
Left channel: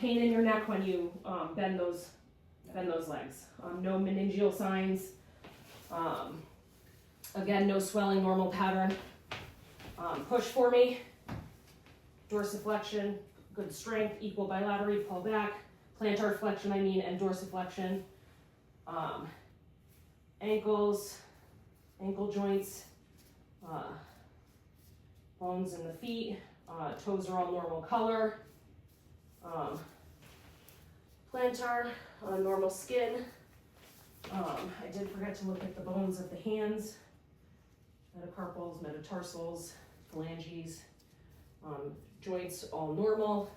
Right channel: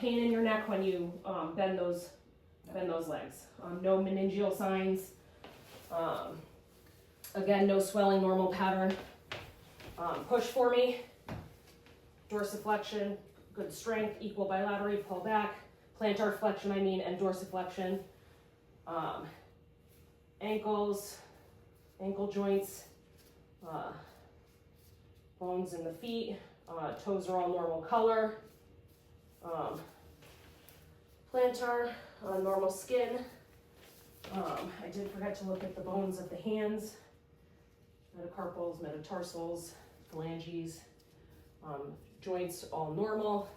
pain in your neck when you bend those legs? No meningeal signs. Again, no swelling, normal pattern. Push for me. Dorsiflexion, good strength, equal bilateral, pull back. Plantar flexion, and dorsiflexion. Ankles, ankle joints, bones in the feet, toes are all normal color. Plantar, normal skin. I did forget to look at the bones of the hands, metacarpals, metatarsals, phalanges, joints all normal.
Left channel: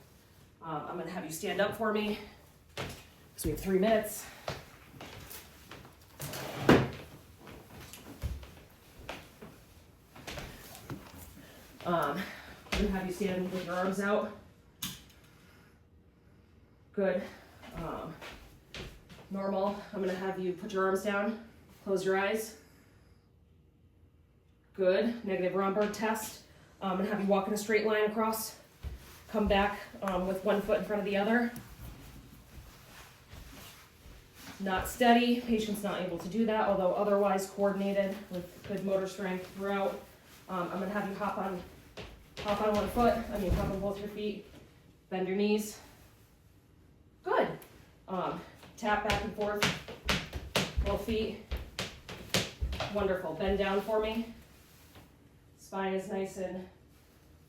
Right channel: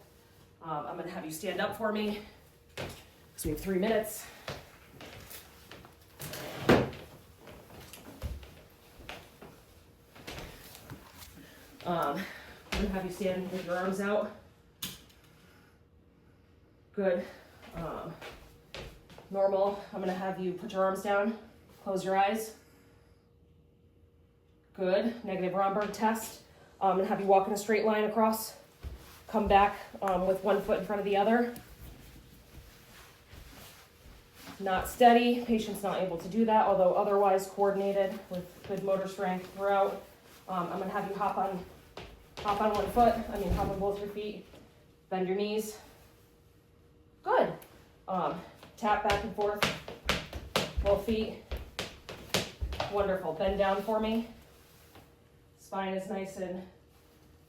I'm gonna have you stand up for me, so we have 3 minutes. I'm gonna have you stand with your arms out. Good. Normal. I'm gonna have you put your arms down, close your eyes. Good. Negative Romberg test. I'm gonna have you walk in a straight line across. Come back with one foot in front of the other. Not steady. Patient's not able to do that, although otherwise coordinated with good motor strength throughout. I'm gonna have you hop on one foot. Hop on both your feet. Bend your knees. Good. Tap back and forth. Both feet. Wonderful. Bend down for me. Spine is nice and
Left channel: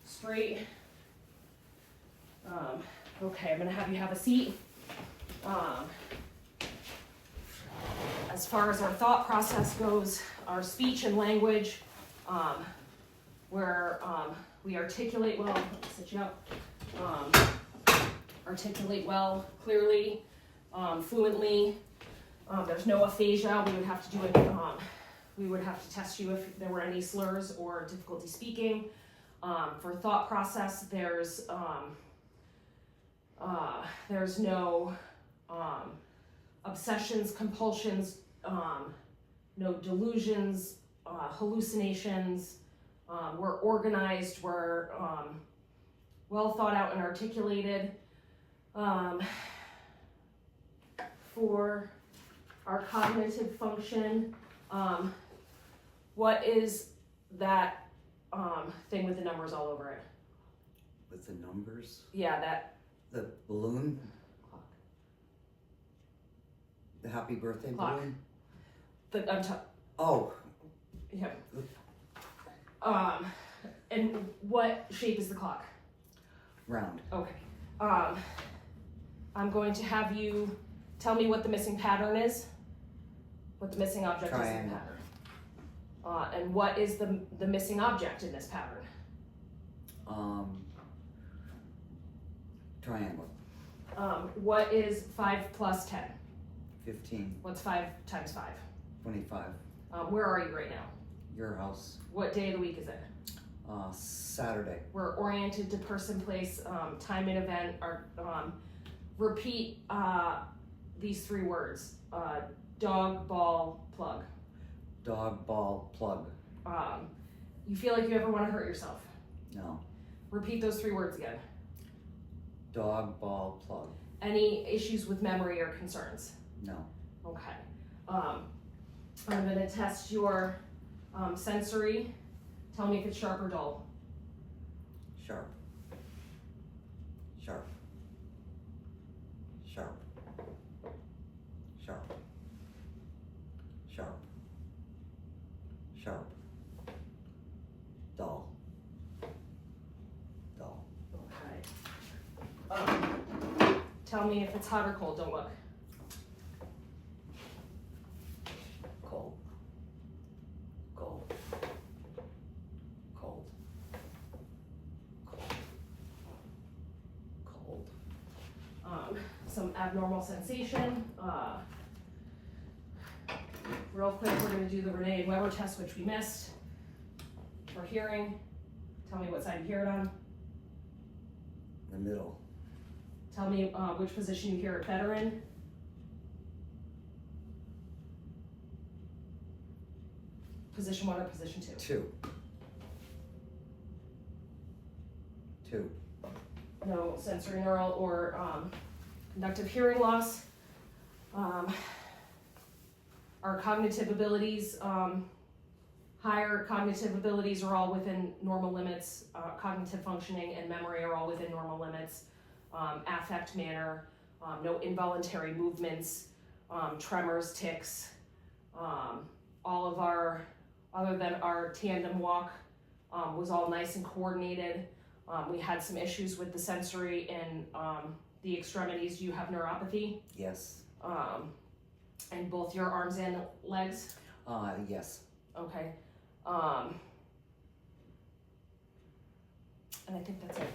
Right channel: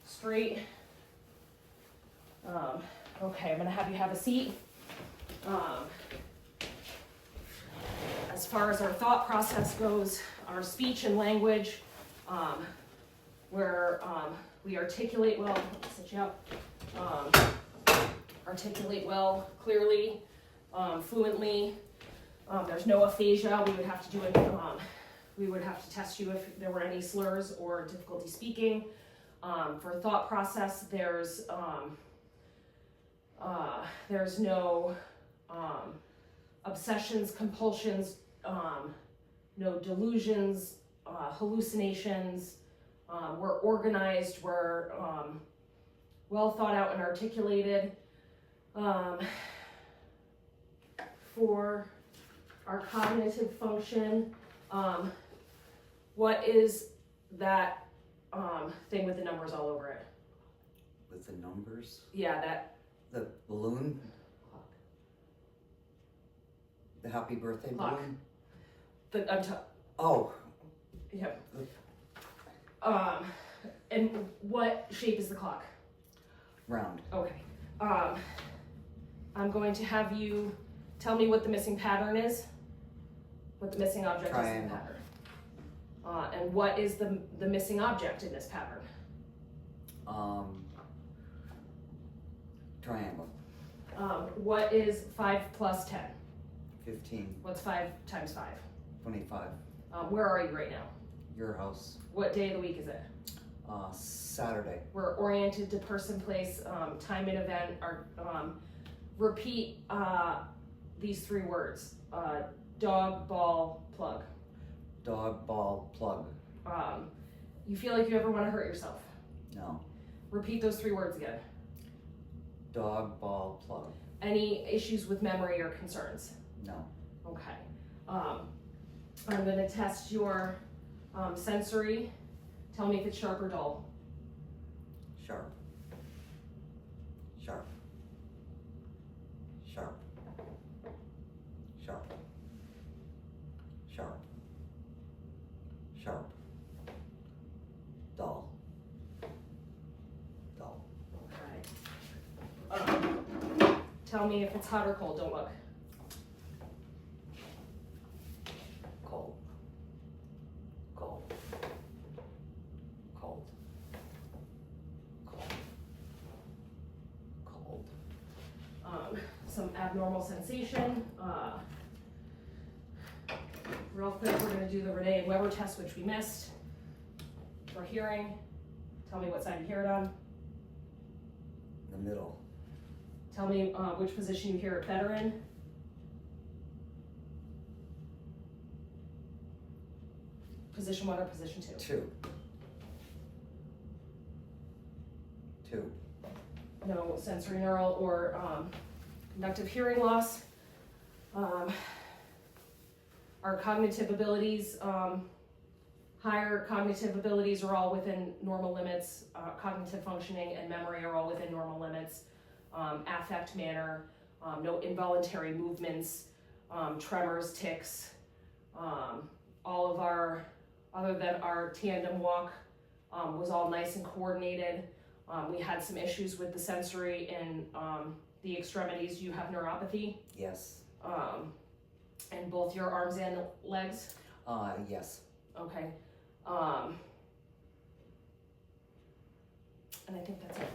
straight. Okay, I'm gonna have you have a seat. As far as our thought process goes, our speech and language, where we articulate well, sit you up, articulate well, clearly, fluently. There's no aphasia. We would have to do it. We would have to test you if there were any slurs or difficulty speaking. For thought process, there's no obsessions, compulsions, no delusions, hallucinations. We're organized, we're well thought out and articulated. For our cognitive function, what is that thing with the numbers all over it? With the numbers? Yeah, that. The balloon? Clock. The happy birthday Clock. balloon? Oh. Yep. And what shape is the clock? Round. Okay. I'm going to have you tell me what the missing pattern is. What the missing object is in the pattern. And what is the missing object in this pattern? Triangle. What is 5 plus 10? 15. What's 5 times 5? 25. Where are you right now? Your house. What day of the week is it? Saturday. We're oriented to person, place, time and event. Repeat these 3 words. Dog, ball, plug. Dog, ball, plug. You feel like you ever want to hurt yourself? No. Repeat those 3 words again. Dog, ball, plug. Any issues with memory or concerns? No. Okay. I'm going to test your sensory. Tell me if it's sharp or dull. Sharp. Sharp. Sharp. Sharp. Sharp. Sharp. Dull. Dull. Okay. Tell me if it's hot or cold. Don't look. Cold. Cold. Cold. Cold. Cold. Some abnormal sensation. Real quick, we're going to do the Renee and Weber test, which we missed. For hearing, tell me what side you hear it on. The middle. Tell me which position you hear it better in. Position 1 or position 2? 2. 2. No sensory neural or conductive hearing loss. Our cognitive abilities, higher cognitive abilities are all within normal limits. Cognitive functioning and memory are all within normal limits. Affect manner, no involuntary movements, tremors, tics. All of our, other than our tandem walk, was all nice and coordinated. We had some issues with the sensory and the extremities. You have neuropathy. Yes. And both your arms and legs. Yes. Okay. And I think that's it.